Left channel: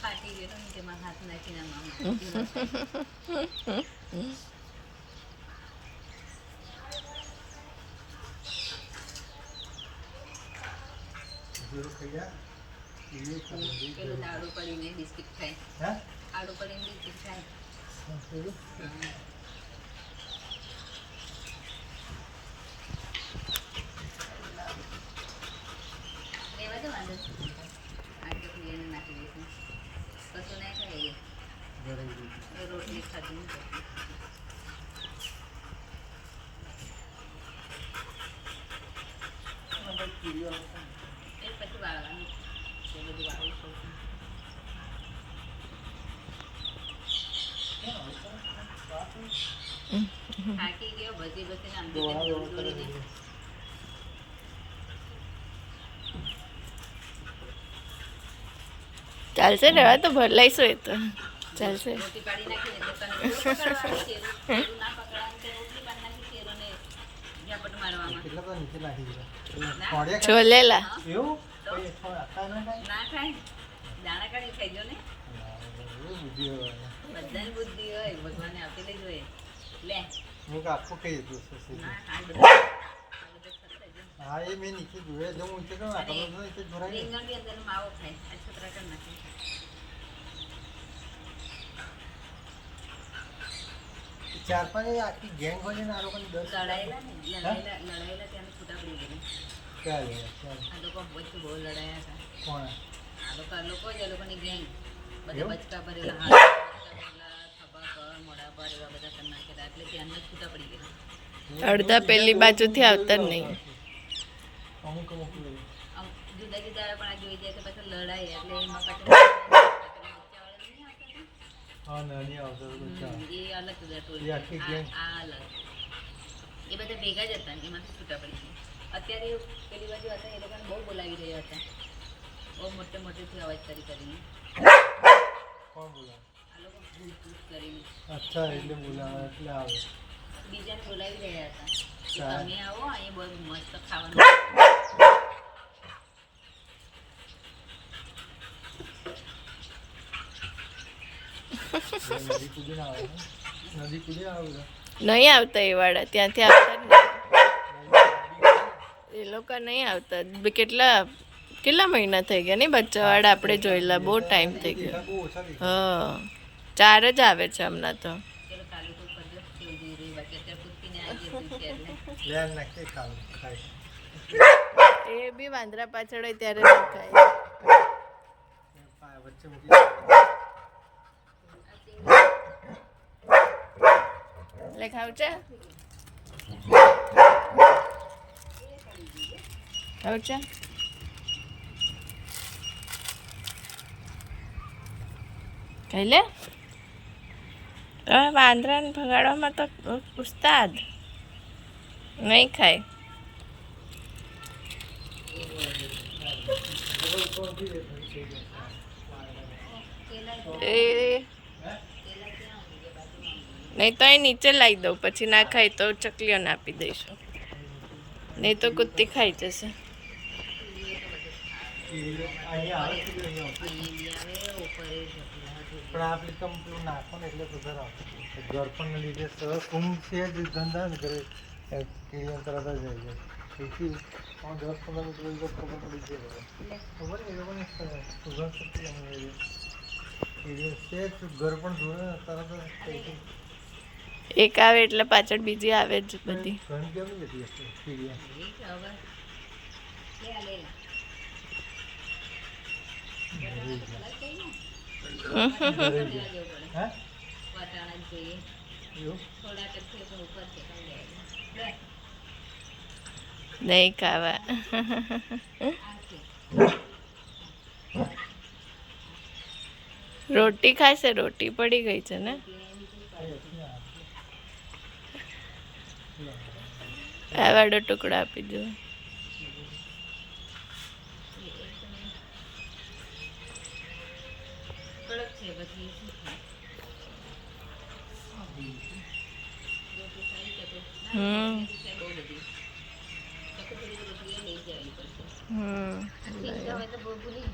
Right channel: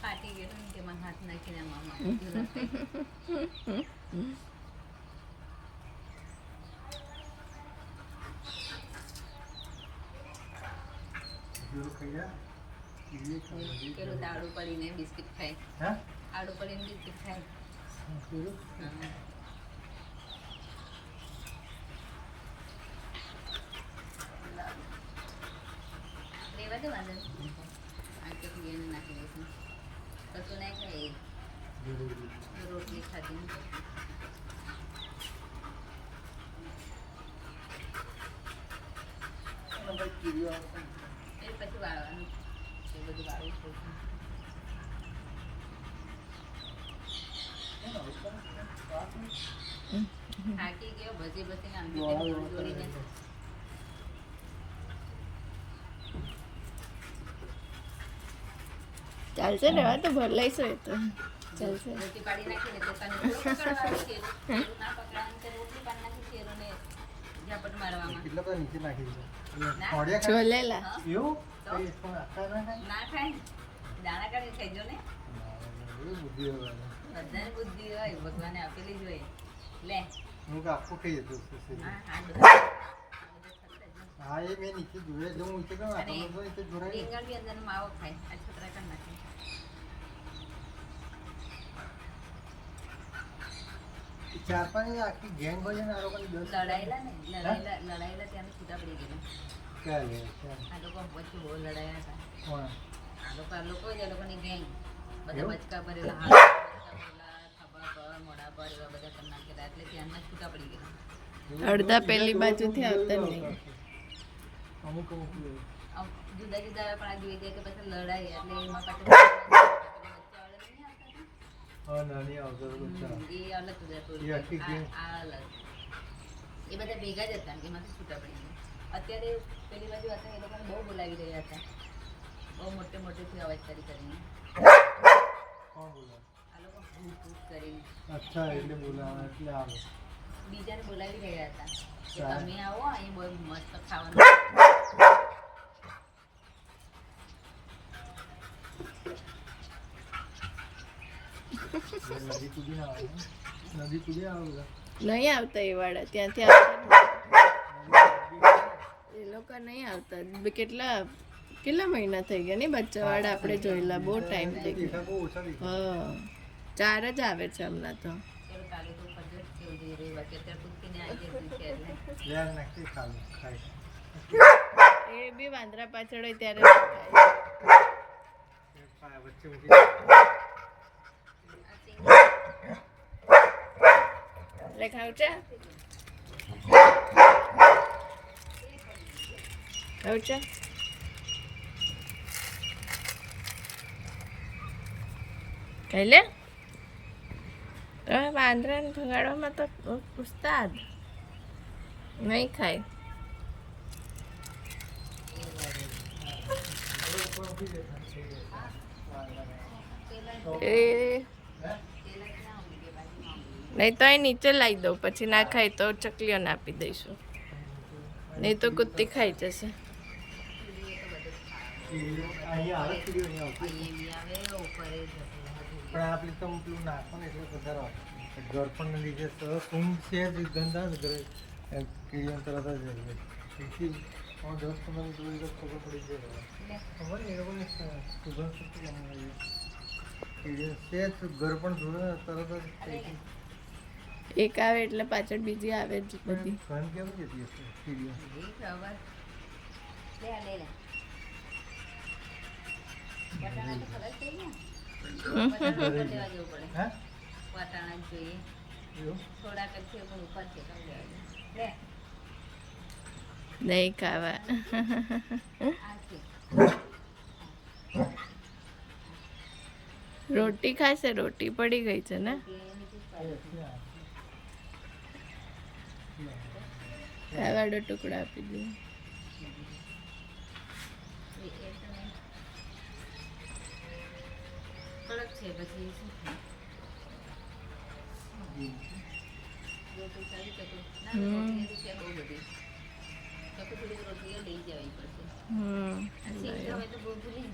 ફાટી ગયેલો ને કે મારા હાથ નાખીને મામા પેલું આડું પડીને બિસ્કિટ ખાય, આડું પડીને બિસ્કિટ ખાય. રેવા દો વાંધો આ ચોકલી એને નાખી દઈશું. કશું નહીં ખાય એ રોટલી ખાધી નહીં કરતી. એ પછી વાળવાનું એ બધું વાળવું પડશે. થાકી ગયો ભજી ભજીને આમ દોડીને. ચાલશે ને તો ભર લઈશું એ તો ચાલશે. રોટી પાડી નાખી ને તો તને પકડવાનું છે ના પકડાવાનું તો રોટલી પાડી નાખી શેરો ને ઝાપટ મારવામાં છોલેલા ના ખાય દાણા કાઢી ખાઈજો ને. બધાની બુદ્ધિ હોય ભગવાને આપેલી જ હોય. લે રીંગણ બી અંદર માવો ખાય. આ છોકરા કરી નાખે. લડાયેલા ત્યાંની છૂટા પડી ગયેલા. આ લોકો વચ્ચે બહુ લડાયા હતા. આ લોકો જ એ લોકોની ગેંગ બધા બચકા ભરેલા હાથ ખભા પર મોઢા પર એવા બધા કરી નાખેલા એટલે ત્યાંના છૂટા પડી ગયેલા. અડધા પેલી બાજુથી આવતા જ નહીં. જુદા જુદા આવે પણ આ જોઈ જાય કે પાછા લડાય એટલે એમાં પાછળ એ અલગ આ અલગ એ બધા ભેગા જ હતા એમાંથી છૂટા પડી ગયા. અત્યારે પેલી બાજુ હતા એ લોકોને બહુ બોલાવી રહ્યા હતા. બહુ મોટેથી અવાજ કરીને આ લોકો ભૂત કરીને બીજાને બોલાવી રહ્યા હતા કે તમે આવો અહીં બહુ મસ્ત ખાવાનું. નહીં આવતા એ વાળા ત્યાંથી આવતા એ લોકો નહીં આવતા. કેટલા મહિના થઈ ગયા નહીં બચ્ચા વાળા આપણે જોયેલા. બહુ ટાઈમ થઈ ગયો. હા 4 જ આવે છે હમણાં તો. એ બી વાંદરા પાછળ હોય ત્યારે ખાવ છે ખાઈ લે. વાંદરાને ભગાડવામાં તો ઉસ્તાદ નહીં ખાય. એ નહીં તો એ નીચે લાવી દઉં પછી ના ખાય તો ચકલીઓને આપી દઈશું. નહીં તો કુત્તી ખાઈ જશે. એક આવે એટલે પાછળ બીજી આવે જ બધી. નહીં ખાવા. રોટી ખાશે. રોટી પડી ગઈ છે ને. આ વાળો ટુકડો આપી દો. તો થોડીક રોટલીઓ લઈ જવી પડશે હમ સિંગ હવે તો ભૂલી જ